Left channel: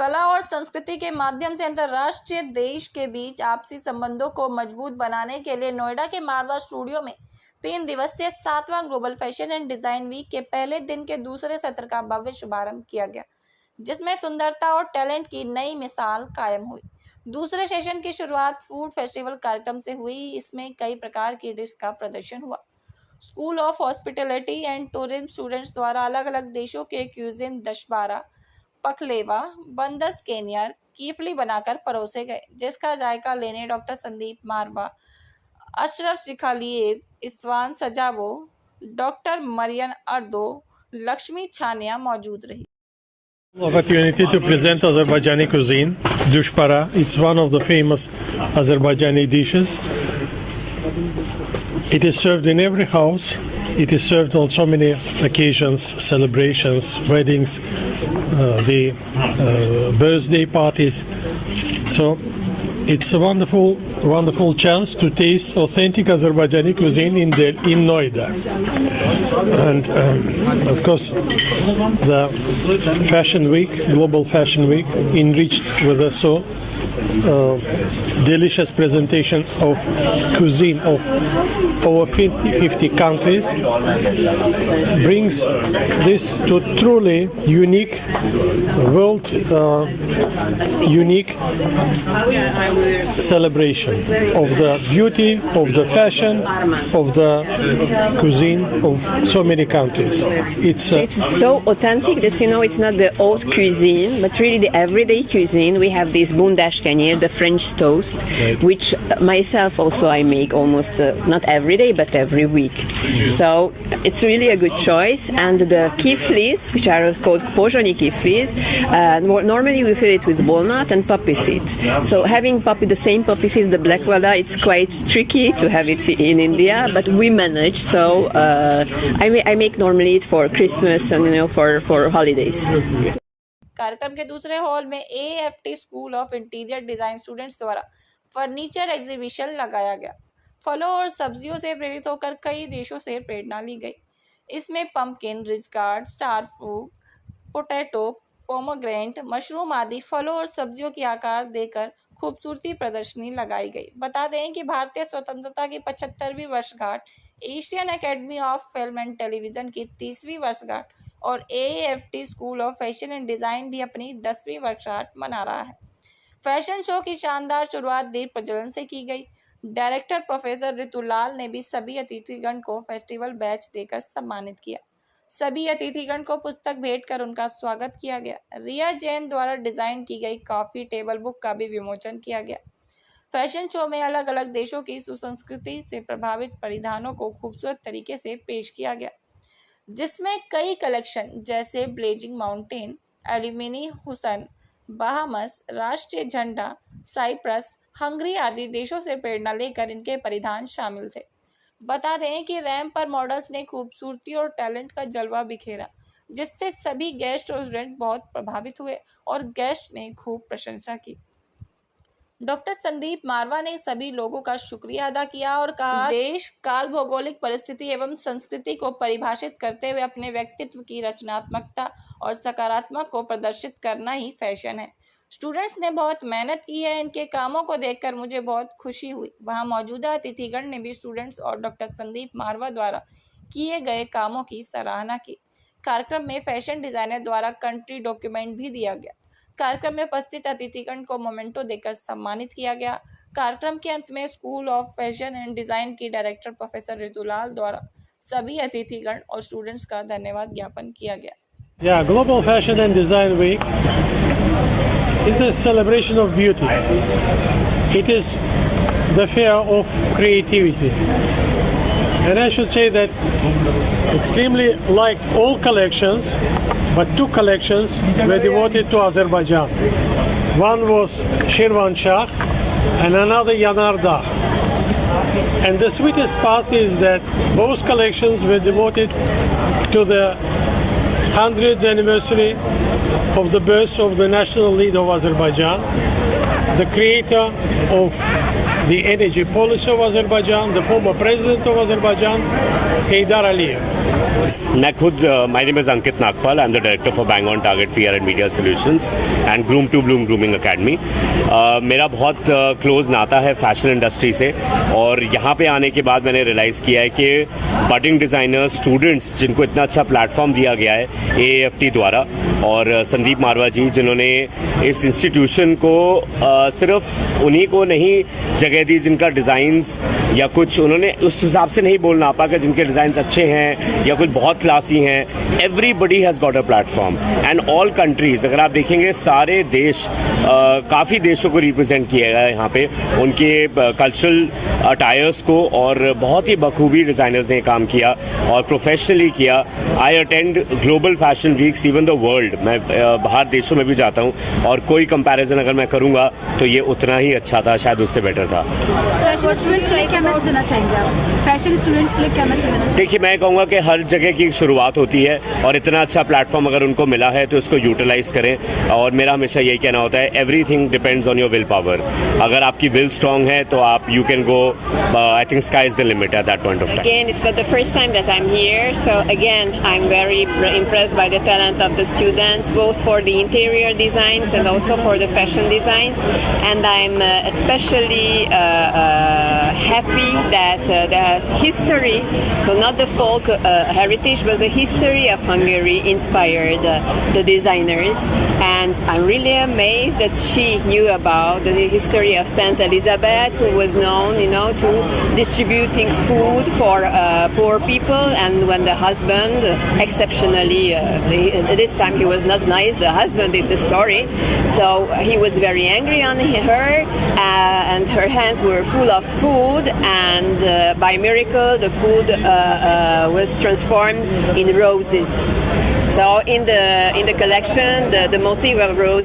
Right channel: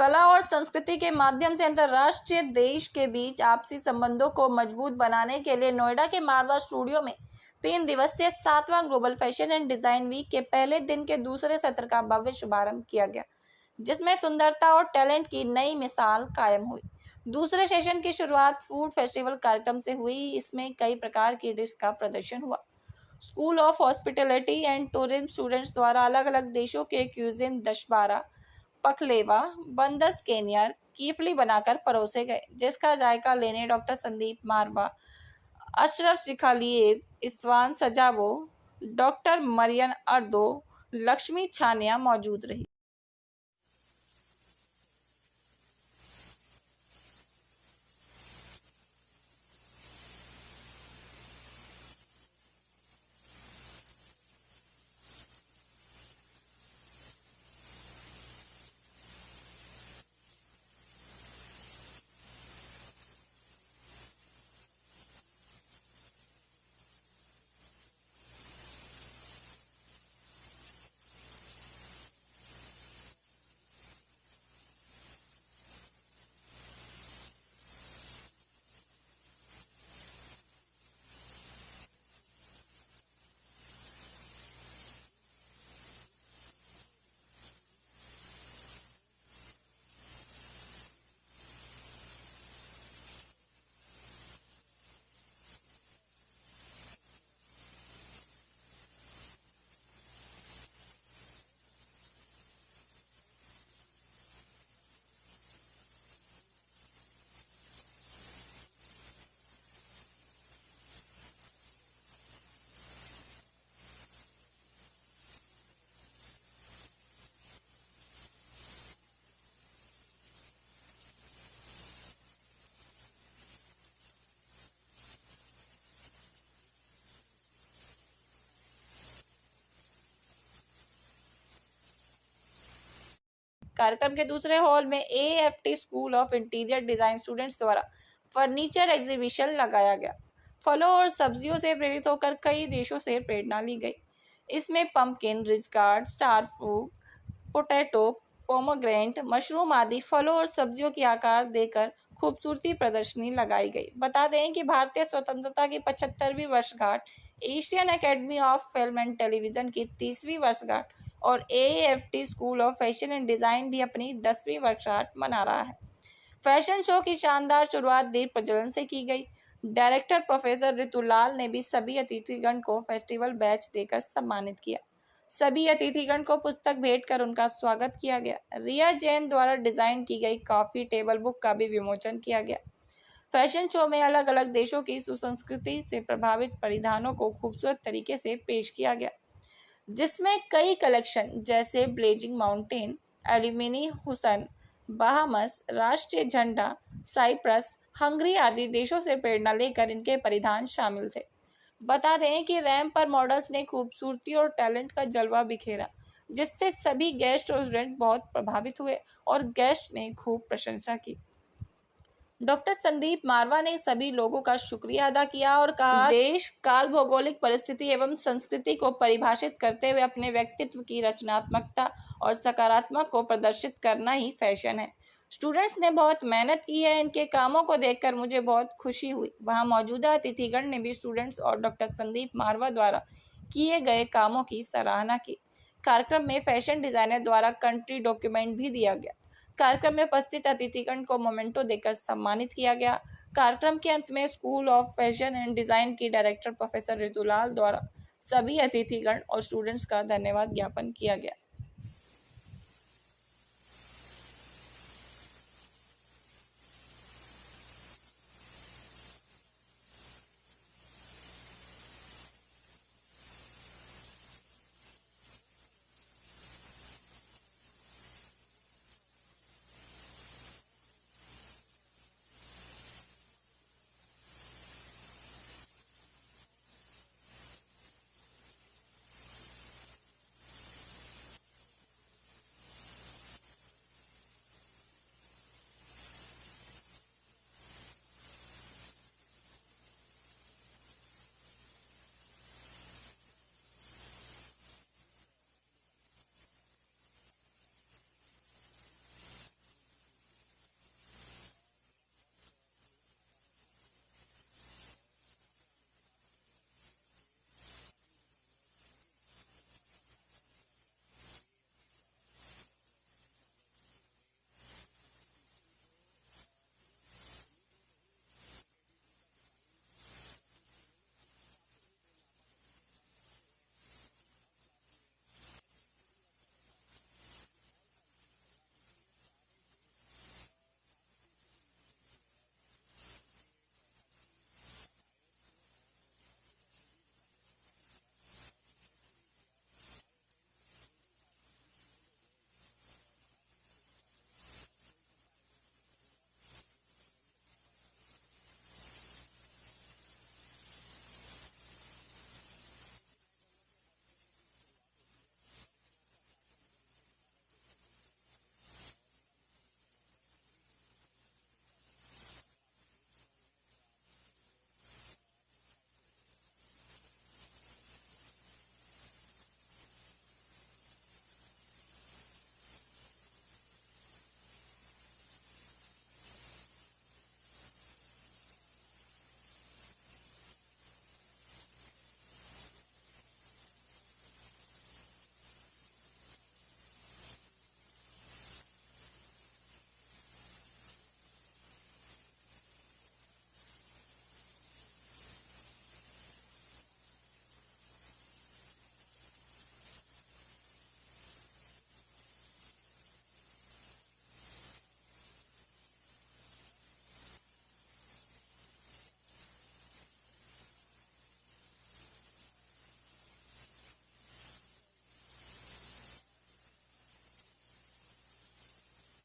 कला और संस्कृति के माध्यम से अंतर्राष्ट्रीय देश के बीच आपसी संबंधों को मजबूत बनाने के लिए नोएडा के मारवा स्टूडियो में 3 दिवसीय 7वां global fashion and design week के पहले दिन के दूसरे सत्र का भव्य शुभारंभ किया गया, जिसमें सुंदरता और टैलेंट की नई मिसाल कायम हुई। दूसरे सेशन की शुरुआत फूड फेस्टिवल कार्यक्रम से हुई। इसमें कई प्रकार की डिश का प्रदर्शन हुआ। School of hospitality and tourism students द्वारा अलग अलग देशों के क्यूजिन दशबारा, पकलेवा, बंदस केनियर, कीफली बनाकर परोसे गए, जिसका जायका लेने डॉक्टर संदीप मारवा, अशरफ शिखालिएव, इस्वान सजावो, डॉक्टर मरियन अर्दो, लक्ष्मी छानिया मौजूद रही। Opportunity to present Azerbaijani cuisine, dushpara. It's one of the famous Azerbaijani dishes. It is served in every house. It is served on so many occasions, celebrations, weddings, the birthday parties. So it's a wonderful chance to taste authentic Azerbaijani cuisine in Noida. And of course, the Fashion Week, Global Fashion Week, enriched with a so delicious presentation of cuisine of over 50 countries, brings this to truly unique world, unique celebration of the beauty, of the fashion, of the cuisine of so many countries. It's so authentic that, it's not the haute cuisine, but really the everyday cuisine. We have this bundash kenir, the French toast, which myself also I make almost not every day, but every week. So it's really a good choice. And the kiflis, which are called pojani kiflis, normally we fill it with walnut and poppy seeds. So having the same poppy seeds, the black vada, it's quite tricky to have it in India, but we manage. So I make normally it for Christmas and for holidays. कार्यक्रम के दूसरे hall में AFT school of interior design students द्वारा furniture exhibition लगाया गया। फलों और सब्जियों से प्रेरित होकर कई देशों से प्रेरणा ली गई। इसमें pumpkin, rich guard, star fruit, potato, pomegranate, mushroom आदि फलों और सब्जियों की आकार देकर खूबसूरती प्रदर्शनी लगाई गई। बता दें कि भारतीय स्वतंत्रता की 75वीं वर्षगांठ, Asian academy of film and television की 30वीं वर्षगांठ और AFT school of fashion and design भी अपनी 10वीं वर्षगांठ मना रहा है। फैशन शो की शानदार शुरुआत दीप प्रज्वलन से की गई। डायरेक्टर प्रोफेसर ऋतुलाल ने भी सभी अतिथिगण को फेस्टिवल बैच देकर सम्मानित किया। सभी अतिथिगण को पुस्तक भेंट कर उनका स्वागत किया गया। रिया जैन द्वारा डिजाइन की गई कॉफी टेबल बुक का भी विमोचन किया गया। फैशन शो में अलग अलग देशों की सुसंस्कृति से प्रभावित परिधानों को खूबसूरत तरीके से पेश किया गया, जिसमें कई कलेक्शन जैसे ब्लेजिंग माउंटेन, एल्यूमिनी हुसन, बहामस, राष्ट्रीय झंडा, साइप्रस, हंगरी आदि देशों से प्रेरणा लेकर इनके परिधान शामिल थे। बता दें कि रैंप पर मॉडल्स ने खूबसूरती और टैलेंट का जलवा बिखेरा, जिससे सभी गेस्ट और स्टूडेंट बहुत प्रभावित हुए और गेस्ट ने खूब प्रशंसा की। डॉक्टर संदीप मारवा ने सभी लोगों का शुक्रिया अदा किया और कहा, देश काल, भौगोलिक परिस्थिति एवं संस्कृति को परिभाषित करते हुए अपने व्यक्तित्व की रचनात्मकता और सकारात्मक को प्रदर्शित करना ही फैशन है। स्टूडेंट्स ने बहुत मेहनत की है। इनके कामों को देखकर मुझे बहुत खुशी हुई। वहां मौजूदा अतिथिगण ने भी स्टूडेंट्स और डॉक्टर संदीप मारवा द्वारा किए गए कामों की सराहना की। कार्यक्रम में फैशन डिजाइनर द्वारा कंट्री डॉक्यूमेंट भी दिया गया। कार्यक्रम में उपस्थित अतिथिगण को मोमेंटो देकर सम्मानित किया गया। कार्यक्रम के अंत में school of fashion and design की डायरेक्टर प्रोफेसर ऋतुलाल द्वारा सभी अतिथिगण और स्टूडेंट्स का धन्यवाद ज्ञापन किया गया। Yeah, Global Fashion and Design Week is a celebration of beauty. It is the fair of creativity. And I should say that extremely liked all collections, but 2 collections were devoted to Azerbaijan. One was Shirvan Shah and another Yanardagh. And the sweetest part is that both collections were devoted to the 100th anniversary of the birth of the national leader of Azerbaijan, the creator of the energy policy of Azerbaijan, the former president of Azerbaijan, Heydar Aliyev. मैं खुद my name is Ankit Nagpal, I am the director for bang on target PR and media solutions and groom to bloom grooming academy. मेरा बहुत close नाता है fashion industry से, और यहाँ पे आने के बाद मैंने रियलाइज़ किया है कि बडिंग डिज़ाइनर्स, स्टूडेंट्स जिनको इतना अच्छा प्लेटफॉर्म दिया गया है AAFT द्वारा, और संदीप मारवा जी जिन्होंने इस इंस्टीट्यूशन को सिर्फ उन्हीं को नहीं जगह दी जिनका डिज़ाइंस या कुछ उन्होंने उस हिसाब से नहीं बोलना आपा कि जिनके डिज़ाइंस अच्छे हैं या कुछ बहुत क्लासी हैं। Everybody has got a platform and all countries, अगर आप देखेंगे सारे देश, काफ़ी देशों को रिप्रेजेंट किया गया है यहाँ पे, उनके कल्चरल अटायर्स को, और बहुत ही बखूबी डिज़ाइनर्स ने काम किया और प्रोफेशनली किया। I attend global fashion weeks even the world, मैं बाहर देशों में भी जाता हूँ, और कोई कंपैरिजन अगर मैं करूँगा तो ये उतना ही अच्छा था, शायद उससे बेटर था। फैशन स्टूडेंट्स के लिए क्या मैसेज देना चाहेंगे आप? फैशन स्टूडेंट्स के लिए क्या मैसेज देना चाहेंगे? देखिए, मैं कहूँगा कि हर जगह की शुरुआत होती है, और इतना अच्छा प्लेटफॉर्म अगर उनको मिला है तो इसको यूटिलाइज करें। और मेरा हमेशा यही कहना होता है, everything depends on your will power. अगर आपकी विल स्ट्रांग है तो आप you can go, I think sky is the limit at that point of time. Again, it's not the first time that I'm here, so again, I'm very impressed by the talent of the students, both for the interior designs and also for the fashion designs. And I'm especially happy that the history, so not the folk heritage, but the history of Hungary inspired the designers. And I'm really amazed that she knew about the history of Saint Elizabeth, who was known, to distributing food for poor people. And when the husband, exceptionally, this time he was not nice, the husband did the story, so he was very angry on her, and her hands were full of food, and by miracle the food was transformed in roses. So in the collection, the motif of rose